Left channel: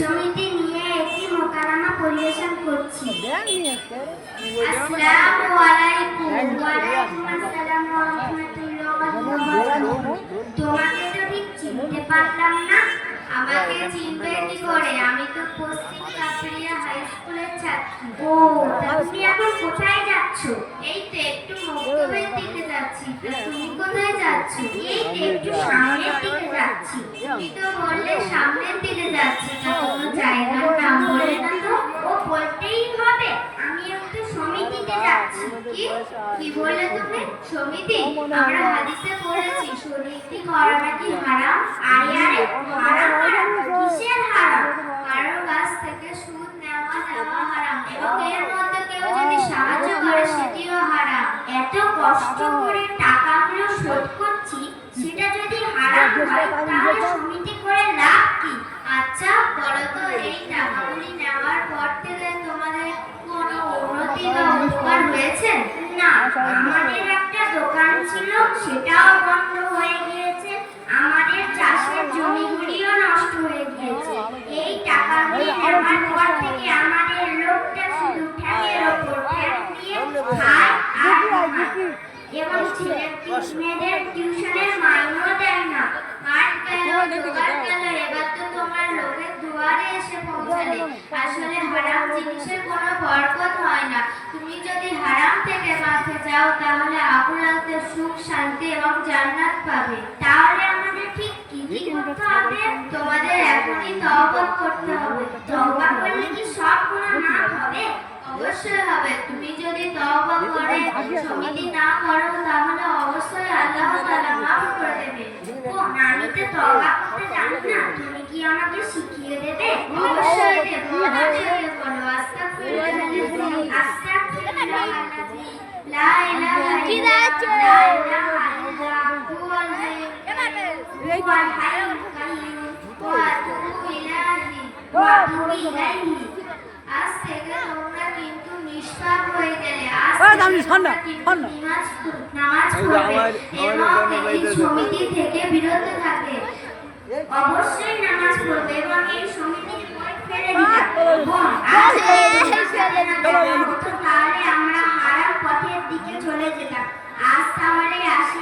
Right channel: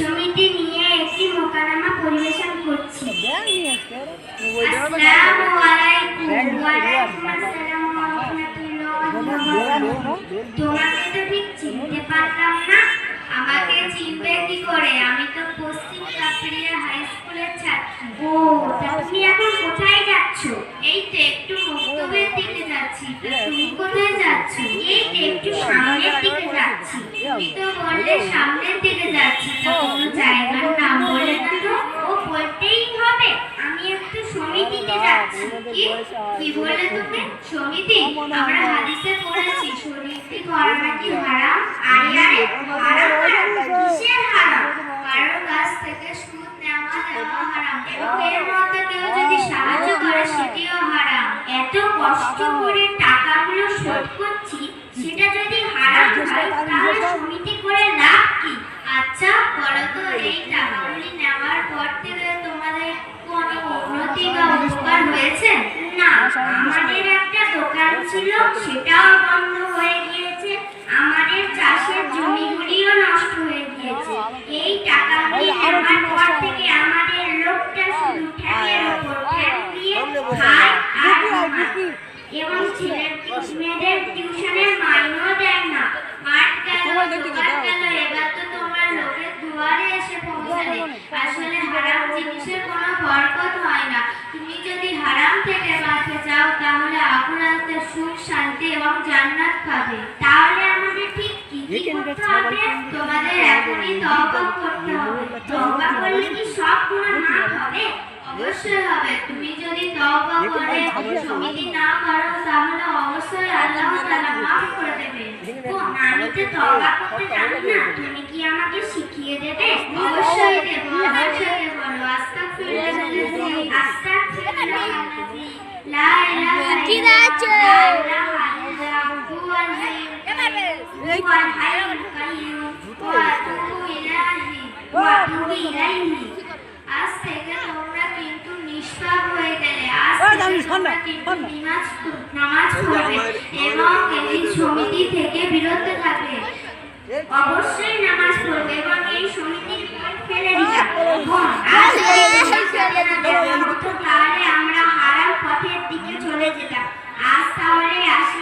সমিতি নিয়ে একটি মোকাররমা পরিবেশন করছি। আসসালামু আলাইকুম। ওয়া আলাইকুম আসসালাম ওয়া রাহমাতুল্লাহ। তোমাকে তো ঠিক চিনতে পারলাম না। আমাকে চিনবে কি করে? আমি তো পশ্চিম কাপড়িয়া হাই স্কুলের ছাত্রী। ও, তুমি এখন কোথায় যাচ্ছ? এই তো একটু মক্তবের দিকে যাচ্ছি। তুমি কোথায় যাচ্ছ? এই তো একটু সামনের দিকে যাচ্ছি। তুমি তো বললে সামনের দিকে যাচ্ছি, তা কোনো জায়গার নাম বলে না তো? ও, বলতেই হবে। আমি একটু সমিতিতে যাচ্ছি। কি কি বললে তুমি? সমিতি? আমরা হাদিসে পড়েছি সমিতি করা নাকি হারাম। আরে আরে, হারাম কিসের হারাম? কারো কাছ থেকে সুদ নেওয়া হারাম, এবং এর মধ্যে কেউ যদি সাহায্য করে সেটিও হারাম। এত কষ্ট করে টাকাগুলো শোধ করছি, সেটা যদি হারাম হয় তাহলে সমিতি করে লাভ কি? আচ্ছা বলো তো, এই টাকাগুলি নেওয়ার পর থেকে তোমাদের কোনো উন্নতি বা উপকার হয়েছে? না, আমাদের একটা দোকান ছিল, সেটাও বন্ধ হয়ে গিয়েছে। আমাদের চাষের জমিগুলিও নষ্ট হয়ে গিয়েছে। এই টাকাগুলি নেওয়ার পর থেকে আমাদের লোকটা শুধু ঠ্যাঙের ওপর ঠ্যাং দিয়ে খায় আর ঘুমায়। এবং মেয়েদের টিউশনের মাইনেও দেয় না। মাঠ গেল, জোগাড় গেল, এবার তো তোমার লোকের দুয়ারে এসে পৌঁছালে। আসলে হারাম জিনিসের কোনো বরকত হয় না। তুমি যদি হারাম থেকে বাঁচতে চাও তাহলে আখিরাতে সুখ, শান্তি এবং জান্নাত পাবে। তাহলে আমাদের ঠিক কি কি করতে হবে? তোমাদের এখনই তওবা করতে হবে। তওবা করলে কি সব গুনাহ মাফ হবে? অবশ্যই হবে। তুমি যদি তওবা করে সমিতি না করো তাহলে অবশ্যই আল্লাহ তাআলা মাফ করে দেবে। ও, আমি তো তওবা করতে জানি না, তুমি কি আমাকে শিখিয়ে দেবে? অবশ্যই দেব। অবশ্যই বলো আস্তাগফিরুল্লাহ আস্তাগফিরুল্লাহ লা ইলাহা ইল্লাল্লাহ হুয়াল হাইয়ুল কাইয়্যুম ওয়া আতুবু ইলাইহি। আজ থেকে তোমরা কিন্তু নিষ্পাপ হয়ে গেলে। আজ নামাজ পড়বে এবং এই সমিতি থেকে বিরত থাকবে। অবশ্যই নামাজ পড়বে এবং এই সমিতির বই ফেলে দিবে। তাহলে আমরা হারাম পথের দিকে চলে যেতাম। আজ তাহলে আসি।